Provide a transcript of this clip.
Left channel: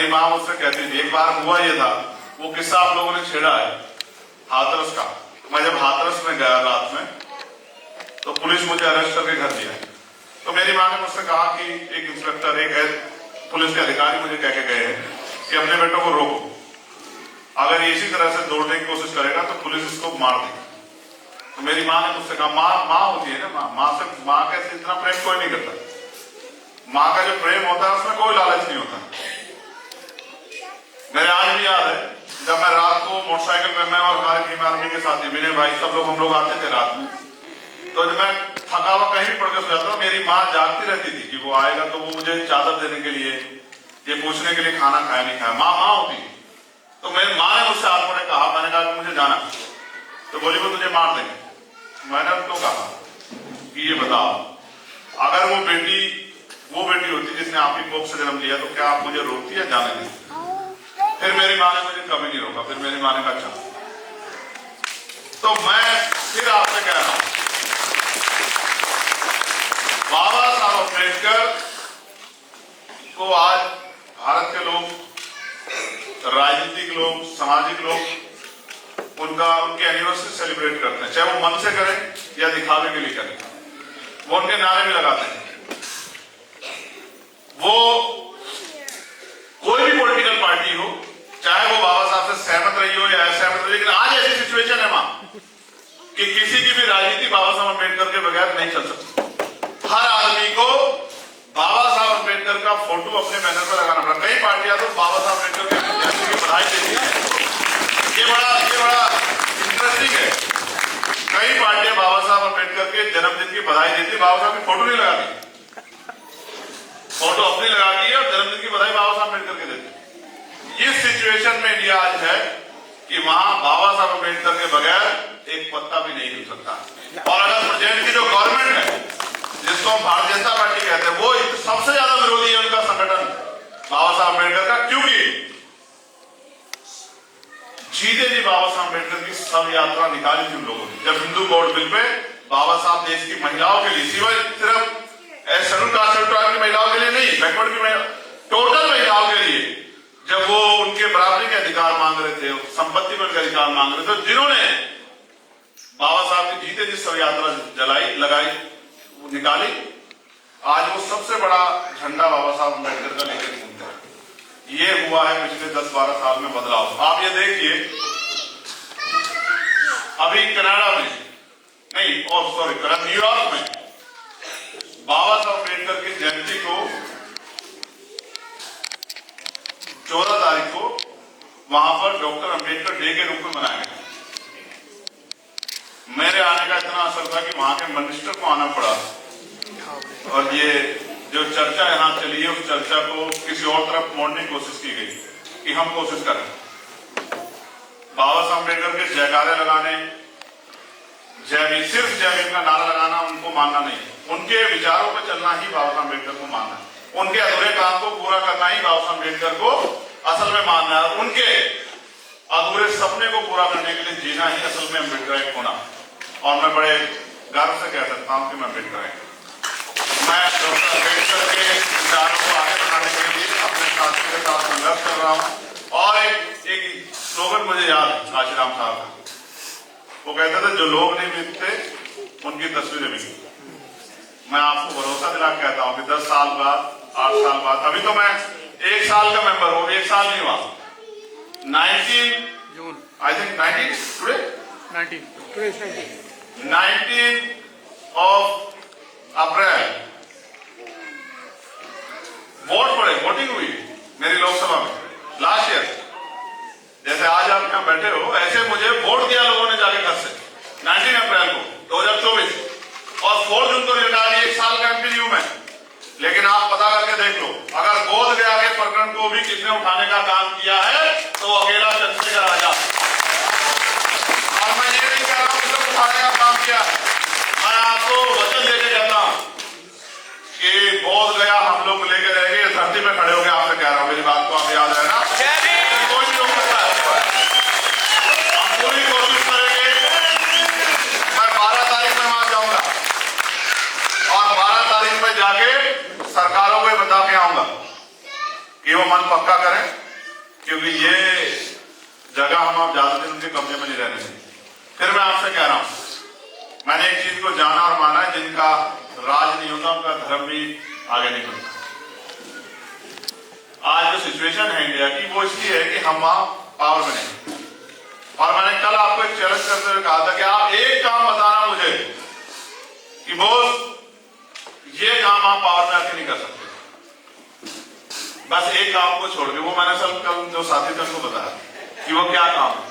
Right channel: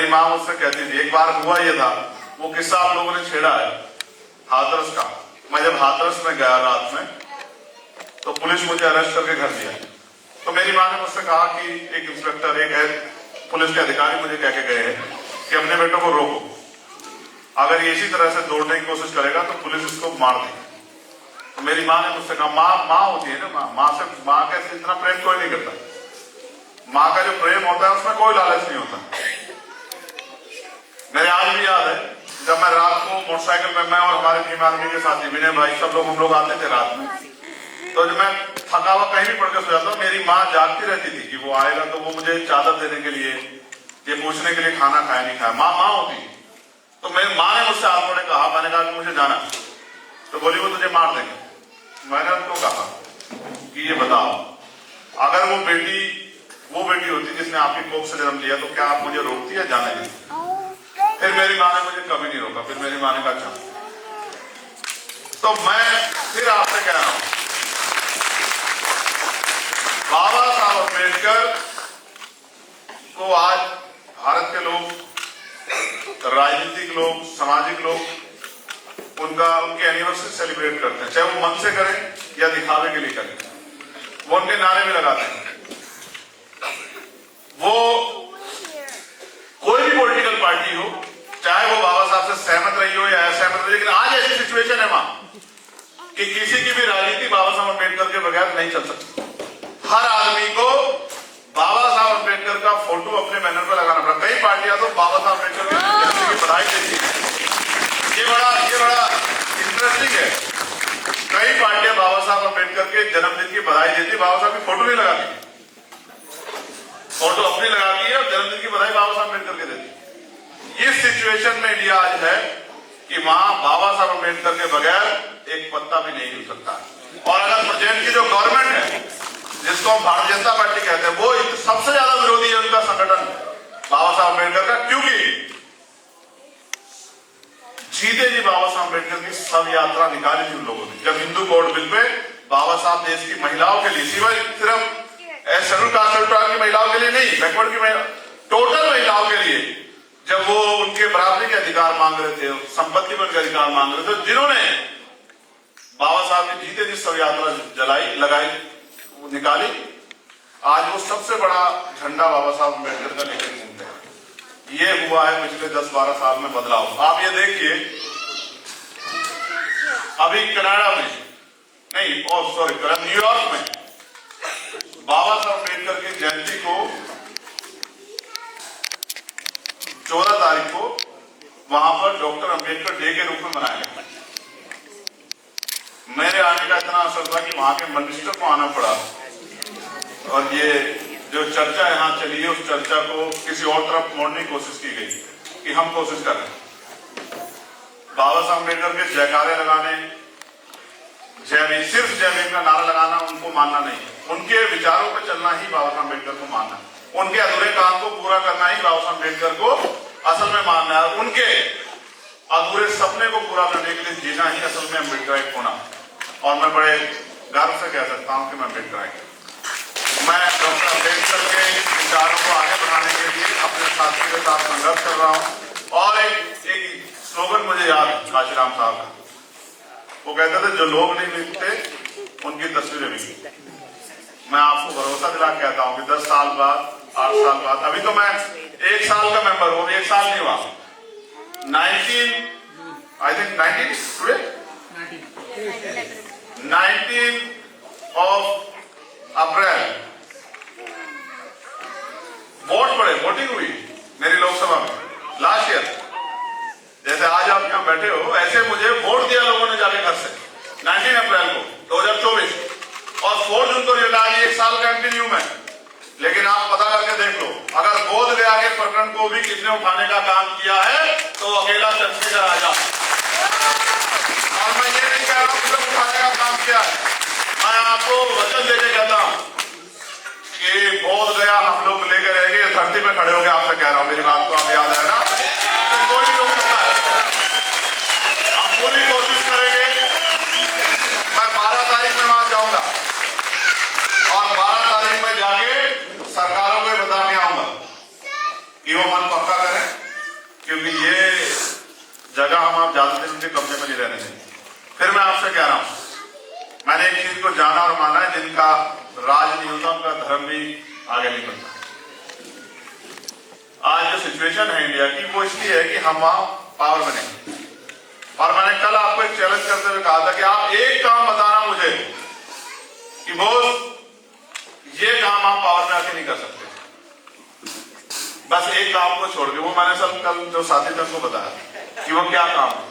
मेरी माँ मुझसे कहती थी, एक बार हुआ ये था, वो किस्सा आप लोगों ने छेड़ा है हाथरस का। मैं जब हाथरस में गया रात में, तो पुलिस मुझे अरेस्ट करके घर दिया। तो मेरी माँ ने मुझसे कहा कि एक इंस्पेक्टर, एक पुलिस के अधिकारी मुझे कह के गए हैं कि अपने बेटों को रोको, अगर ये इसी तरह से दौड़ने की कोशिश करेगा तो पुलिस इसको मार देगी। तो मेरी माँ ने मुझसे कहा, माँ होती है ना, माँ के इतना प्रेम कोई नहीं करता। माँ का जो प्रेम होता है उसमें कोई लालच नहीं होता। मेरे आज भी याद है, जब मैं रात को मोटरसाइकिल में, मैं और हमारे भीम आर्मी के साथी विनय भाई, सब लोग, हम लोग आते थे रात में, तो जब मैं थका हुआ कहीं भी पड़ के सो जाता, मेरी माँ जागती रहती थी कि वो आएगा तो वो मुझे चादर देने के लिए, ये पूछने के लिए खाना खाया नहीं खाया। माँ होती है। तो मेरी माँ ने मुझसे हाथ में कहा, मैंने कहा मुझे जाना, तो बोली वो तुझे मार देंगे। मैंने उनको कहा कि ये बताओ, अगर वो बेटी होती जिसने आपकी कोख से जन्म लिया, तो क्या आप मुझे रोकती है जाने के लिए? फिर मेरी माँ ने मुझे कभी नहीं रोका। फिर मेरी माँ ने कहा चल। तो मैं फिर आपसे कह रहा हूं, बाबा साहब अम्बेडकर को आज भारत के लोग, राजनीतिक लोग, सामाजिक लोग उनकी एनिवर्सरी सेलिब्रेट करते हैं, चाहे वो मन से करें या दिखावे के लिए करें। वो उनके नारे भी लगाते हैं। वो कोई भी पॉलिटिकल पार्टी हो, चाहे वो बाबा साहब से सहमत रही हो या असहमत रही, लेकिन आज ऐसी सिचुएशन है वहां कि किसी की भी राजनीति बाबा साहब अम्बेडकर के बगैर नहीं चल सकती। हर आदमी को बाबा साहब अम्बेडकर का फोटो अपने बैनर पर लगाना पड़ा। कई पार्टियां तो बाबा साहब अम्बेडकर की जयंती की बधाई देती है। ये बड़ा इंटरेस्टिंग है। कई पार्टियां बाबा साहब अम्बेडकर के जन्मदिन की बधाई देती है, बाबा साहब की फोटो नहीं लगाती, फोटो अपनी लगाती है और जन्मदिन की बधाई बाबा साहब अम्बेडकर के देती है। इस सिचुएशन में इंडिया आज है कि वहां बाबा साहब अम्बेडकर के बगैर एक पत्ता भी नहीं हिल सकता। और अगर प्रेजेंट की जो गवर्नमेंट है, जिसको हम भारतीय जनता पार्टी कहते हैं, वो सबसे ज्यादा विरोधी है उनका संगठन बाबा साहब अम्बेडकर का, क्योंकि जीते जी बाबा साहब अम्बेडकर की सब यात्रा निकाली थी उन लोगों ने। जब हिंदू कोड बिल पे बाबा साहब देश की महिलाओं के लिए, सिर्फ शेड्यूल कास्ट की महिलाओं के लिए नहीं, बैकवर्ड की टोटल महिलाओं के लिए, जब वो उनके बराबरी के अधिकार मांग रहे थे, संपत्ति पर के अधिकार मांग रहे थे, जिन्होंने बाबा साहब की जीते जी सब यात्रा लगाई, निकाली, आज वो सबसे बड़ा झंडा बाबा साहब अम्बेडकर का लेकर घूमते हैं। ये हुआ है पिछले 10-12 साल में बदलाव। आप ये देखिए, अभी कनाडा में नहीं, सॉरी, न्यूयॉर्क में बाबा साहब अम्बेडकर की जयंती को 14 तारीख को वहां पर डॉक्टर अम्बेडकर डे के रूप में मनाया गया। मेरे आने का इतना असर था कि वहां के मिनिस्टर को आना पड़ा, और ये जो चर्चा यहां चली है, उस चर्चा को किसी और तरफ मोड़ने की कोशिश की गई कि हम कोशिश कर रहे हैं बाबा साहब अम्बेडकर के जयकारे लगाने, सिर्फ जय भीम का नारा लगाना उनको मानना नहीं है। उनके विचारों पर चलना ही बाबा साहब अम्बेडकर को मानना है। उनके अधूरे काम को पूरा करना ही बाबा साहब अम्बेडकर को असल में मानना है। उनके अधूरे सपने को पूरा करने के लिए जीना ही असल में अम्बेडकर होना। और मैं बड़े गर्व से कह सकता हूं कि मैं अम्बेडकर मैं डॉक्टर अम्बेडकर के विचारों को आगे बढ़ाने के लिए अपने साथियों के साथ संघर्ष कर रहा हूं। और एक स्लोगन मुझे याद है आशीराम साहब का, वो कहते थे, जो लोग नहीं मिलते उनकी तस्वीरें मिलती। मैं आपको भरोसा दिला कहता हूं कि 10 साल बाद, 8 साल बाद, अभी तो मैं 1 साल का मेंबर हूं, 1 साल नहीं हुआ, 19 अप्रैल वोटिंग हुई मेरी लोकसभा में लास्ट ईयर। जैसे आज आप यहां बैठे हो, ऐसे मुझे वोट दिया लोगों ने जाके घर से 19 अप्रैल को 2024, और 4 जून को रिजल्ट आ रही। 1 साल का एमपी हूं मैं, लेकिन आप पता करके देख लो, अगर बोध गया के प्रकरण को भी किसने उठाने का काम किया है तो अकेला चंद्रशेखर आजाद। और मैं ये नहीं कह रहा हूं कि उठाने का काम किया है, मैं आपको वचन देके कहता हूं कि बोध गया हम लोग लेके रहेंगे, धरती में खड़े हो गए। आपसे कह रहा हूं, मेरी बात को आप याद है ना, कोई नहीं हो सकता है। हम पूरी कोशिश करेंगे। मैं 12 तारीख में वहां जाऊंगा और 12 तारीख में जाके सरकारों को बता के आऊंगा कि वो मन पक्का करें, क्योंकि ये जगह हम आप ज्यादा दिन उनके कब्जे में नहीं रहने देंगे। फिर मैं आपसे कह रहा हूं, मैंने एक चीज को जाना और माना है, जिनका राज नहीं होता उनका धर्म भी आगे नहीं बढ़ता। आज जो सिचुएशन है इंडिया की, वो इसलिए है कि हम वहां पावर में नहीं। और मैंने कल आपको एक चैलेंज करते हुए कहा था कि आप एक काम बताना मुझे कि बोस ये काम आप पावर में आके नहीं कर सकते, बस एक काम को छोड़ के। वो मैंने सब कल जो साथी थे उनको बताया कि वो क्या काम है।